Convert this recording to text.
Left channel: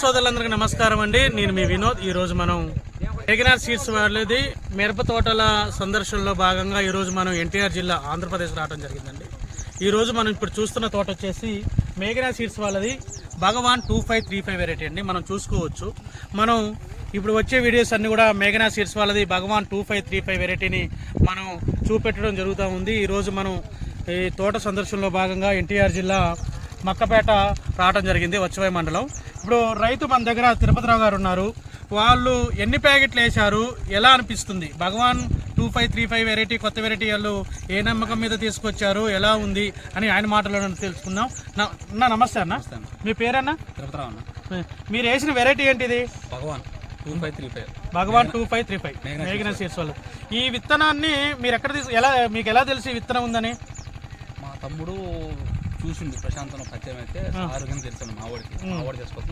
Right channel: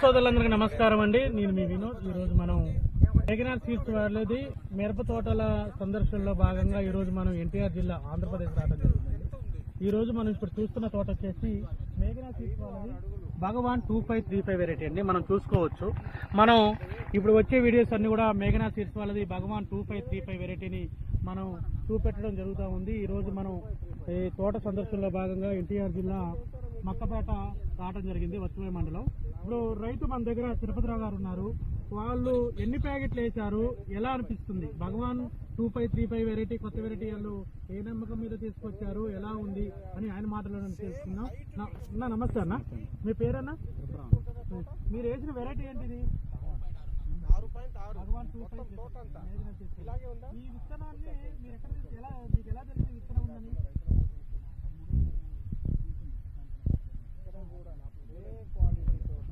సోదరులందరికీ నమస్కారం అండి. నేను మీ వినోద్. ఈ రోజు మనం మేఘనా సీడ్స్ వాళ్ళది మిరప తోటల సందర్శనలో భాగంగా ఈ రోజు మనం ఎన్టీఆర్ జిల్లా ఆంధ్రప్రదేశ్ రావడం జరిగిందండి. ఈ రోజు మనం ఇప్పుడు చూస్తున్న తోట వచ్చేసి మేఘనా సీడ్స్ వాళ్ళది భగవాన్ 2535 వెరైటీ అండి. మనం చూసుకోవచ్చు. మనం ఇప్పుడు వచ్చే వీడియోస్ అన్ని కూడా మేఘనా సీడ్స్ వాళ్ళది భగవాన్ 2535 వెరైటీని మనం చూపెట్టడం జరుగుతూ ఉంది. ఈరోజు మనం ఈ తోట సందర్శనలో భాగంగా ఎన్టీఆర్ జిల్లా మక్కపేట రావడం జరిగింది, వచ్చవాయి మండలం. ఇప్పుడు రైతు మన దగ్గర తిరుపతిరావు గారు ఉన్నారు. వాళ్ళు ఎన్ని ప్యాకెట్లు వేశారు, ఎలా అనిపిస్తుంది, భగవాన్ 2535 వెరైటీ కొత్త వెరైటీ వాళ్ళు ఏ నమ్మకం మీద తీసుకొచ్చారు, ఎలా ఉంది అని ఆయన మాటలో తెలుసుకుందాం. నమస్తే అన్న, మీ పేరన్నా? తిరుపతిరావు అన్న. మీరు వేసిన వెరైటీ ఏంటిది? భగవాన్ 2535. భగవాన్ 2535 మేఘనా సీడ్స్ వాళ్ళు. ఈ విత్తనాన్ని మీరు ఎక్కడ మీకు ఎలా తెలిసి ఈ విత్తనం ఉందని? మా తమ్ముడు చూసింది ప్రశాంతం పరిచయం అయితే ఆరోగ్యం తెలుసు. మావాడికి చేసుకోవచ్చు.